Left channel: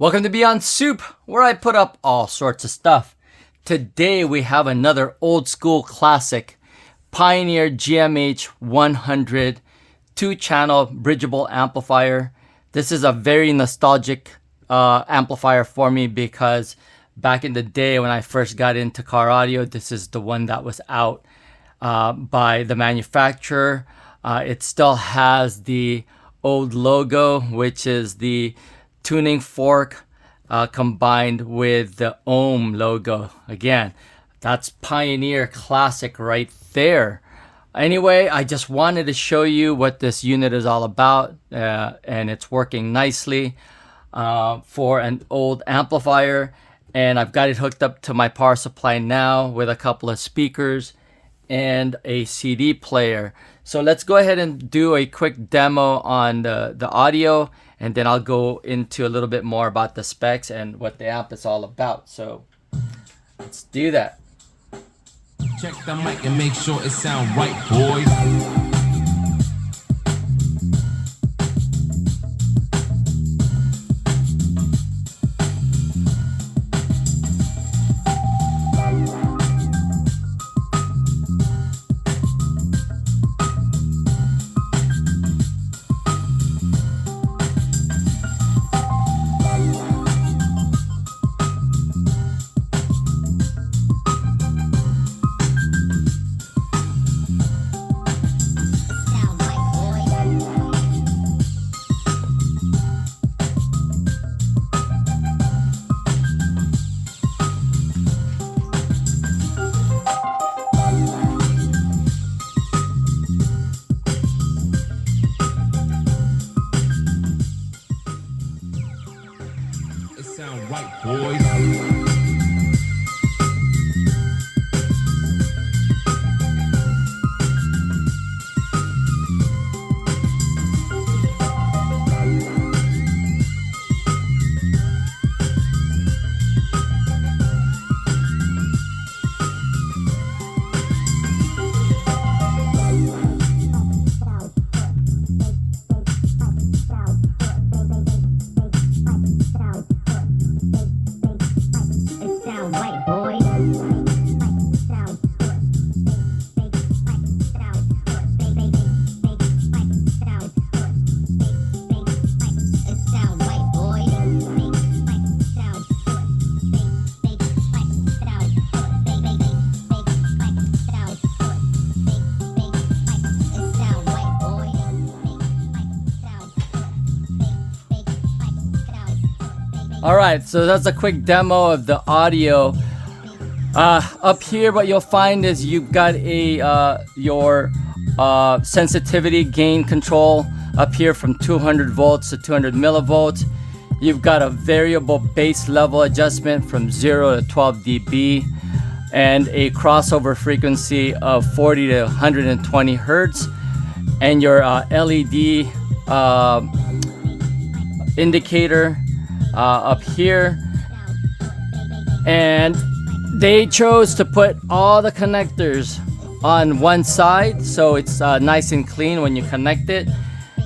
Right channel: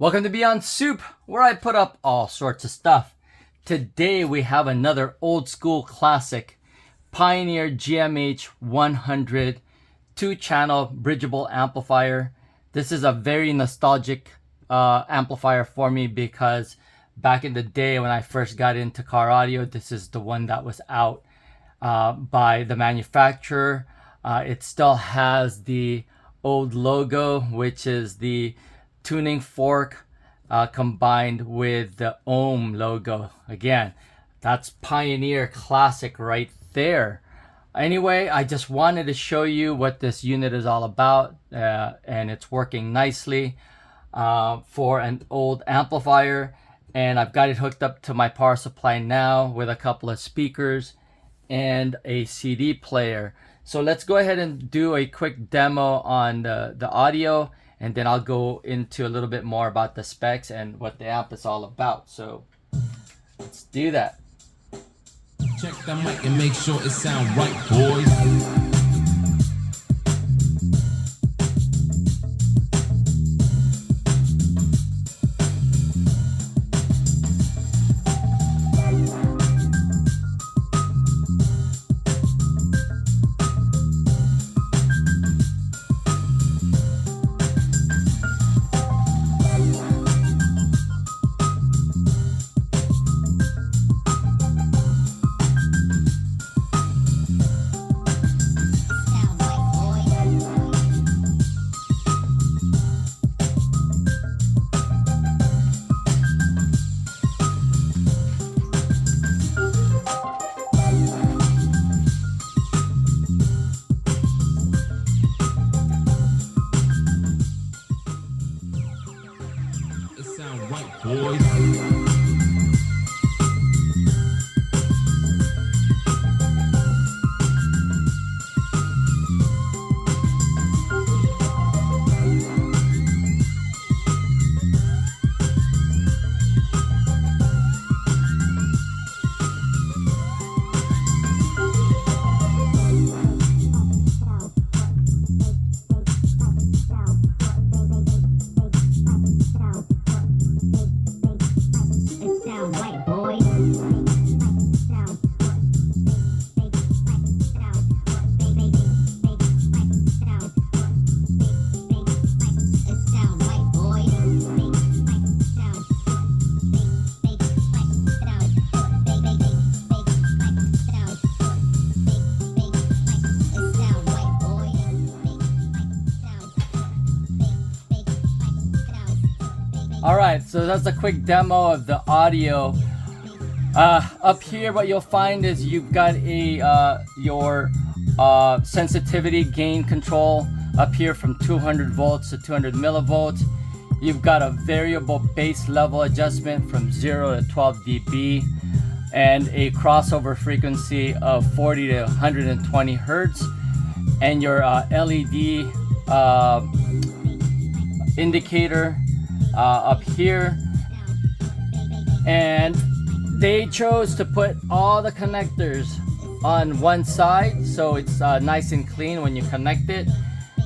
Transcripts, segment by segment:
Welcome to Beyond Soup, where I put up all sorts of stuff. Today we have another old school classic, Pioneer GM-H100 2-channel bridgeable amplifier. This is a very nostalgic amplifier for me because back in the day when I first got into car audio, this is the one that was out by the manufacturer. It still has the old logo, which is the tuning fork combined with the ohm logo. Again, that's Pioneer classic right there. Anyway, I just wanted to show you what this unit is all about, and it's working nicely for an old amplifier. And I've got it hooked up to my power supply now with a couple of speakers and a CD player. So let's go ahead and do a quick demo on the audio, and then I'll go into a little bit more about the specs and what the amp is all about. So let's do that. Check the mic and make sure it sound right, boys. Sound right, boys. Alright, so that's a quick demo of the audio. Up here what you'll find is you've got your sensitivity gain control up here from 200 volts to 200 millivolts. You've got a variable bass level adjustment from 0 to 12 dB and a crossover frequency of 40 to 120 hertz, and your LED indicator up here. And they chose to put all the connectors on one side, so it's nice and clean when you connect it.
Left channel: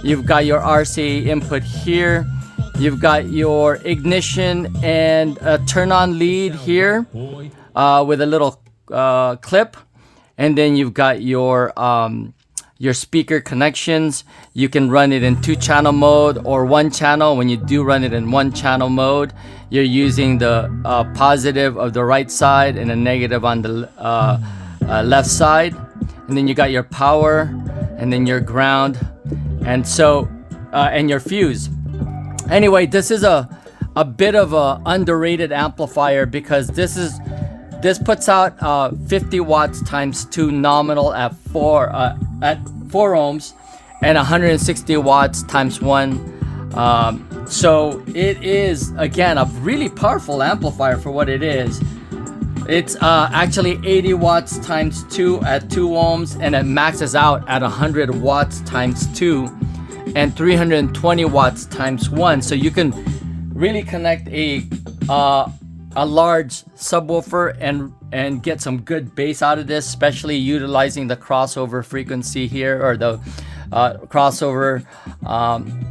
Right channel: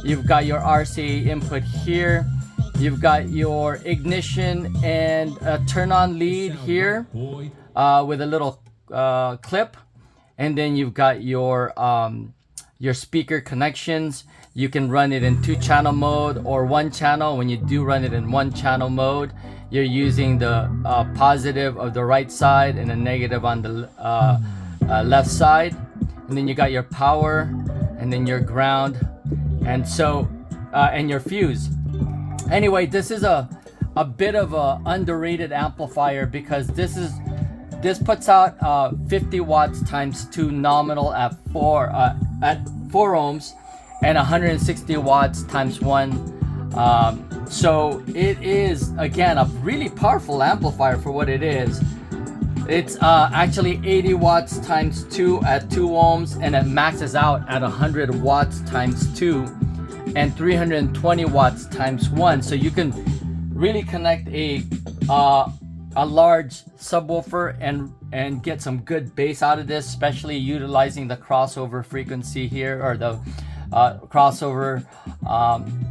You've got your RCA input here. You've got your ignition and a turn on lead here with a little clip, and then you've got your speaker connections. You can run it in 2-channel mode or 1-channel. When you do run it in 1-channel mode, you're using the positive of the right side and a negative on the left side. And then you got your power, and then your ground, and so and your fuse. Anyway, this is a bit of a underrated amplifier because this puts out 50 watts times 2 nominal at 4 ohms and 160 watts times 1. So it is, again, a really powerful amplifier for what it is. It's actually 80 watts times 2 at 2 ohms, and it maxes out at 100 watts times 2 and 320 watts times 1. So you can really connect a large subwoofer and get some good bass out of this, especially utilizing the crossover frequency here, or crossover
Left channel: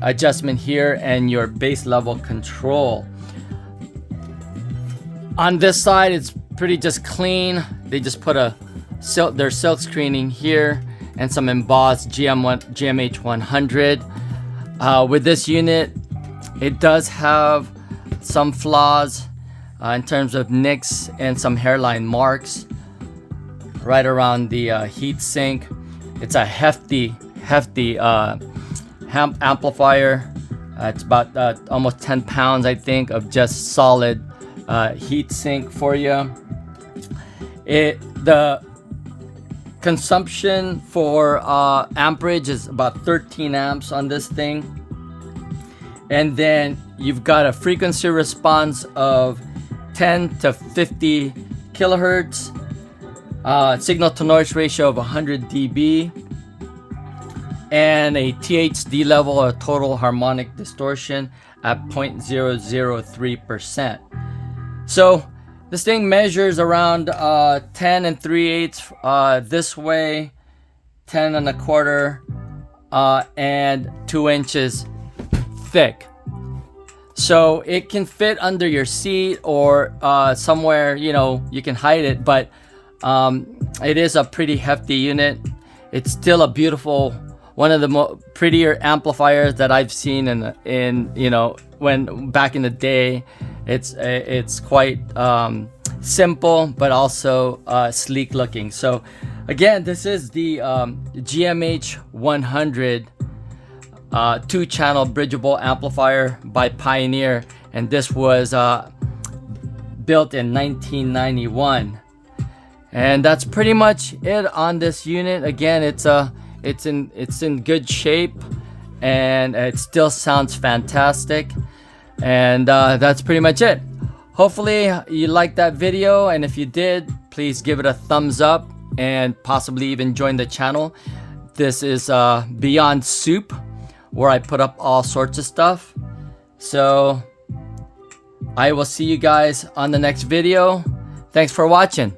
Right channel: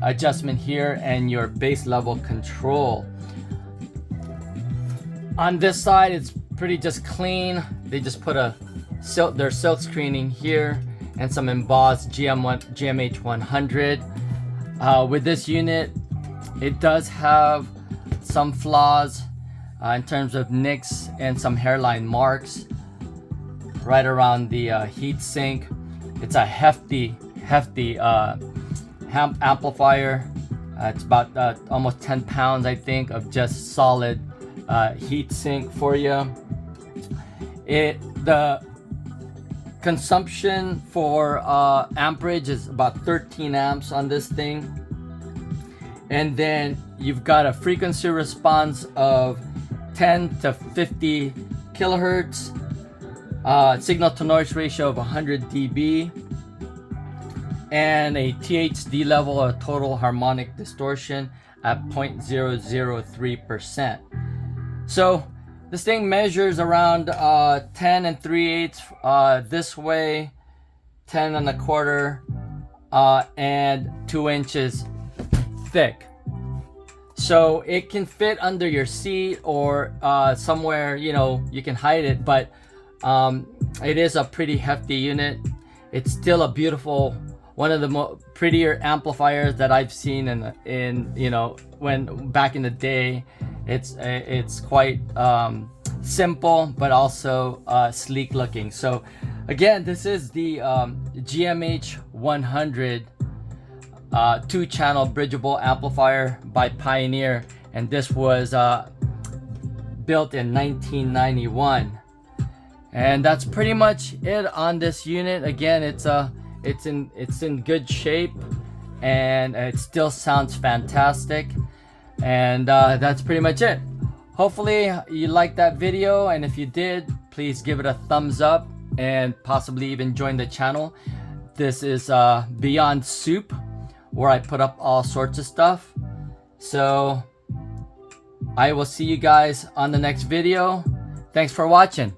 adjustment here, and your bass level control. On this side, it's pretty just clean. They just put their silk screening here and some embossed GM-H100. With this unit, it does have some flaws in terms of nicks and some hairline marks right around the heat sink. It's a hefty amplifier. It's about almost 10 pounds, I think, of just solid heat sink for you. The consumption for amperage is about 13 amps on this thing, and then you've got a frequency response of 10 to 50 kilohertz, signal to noise ratio of 100 dB, and a THD level, or total harmonic distortion, at 0.003%. So this thing measures around 10 3/8 this way, 10 1/4, and 2 inches thick. So it can fit under your seat or somewhere, you know, you can hide it, but it is a pretty hefty unit. It's still a beautiful, one of the prettier amplifiers that I've seen in you know, when back in the day. It's quite simple, but also sleek looking. So again, this is the GM-H100 2-channel bridgeable amplifier by Pioneer, and this was built in 1991. And that's pretty much it on this unit. Again, it's in good shape, and it still sounds fantastic. And that's pretty much it. Hopefully you liked that video, and if you did, please give it a thumbs up and possibly even join the channel. This is Beyond Soup, where I put up all sorts of stuff. So I will see you guys on the next video. Thanks for watching.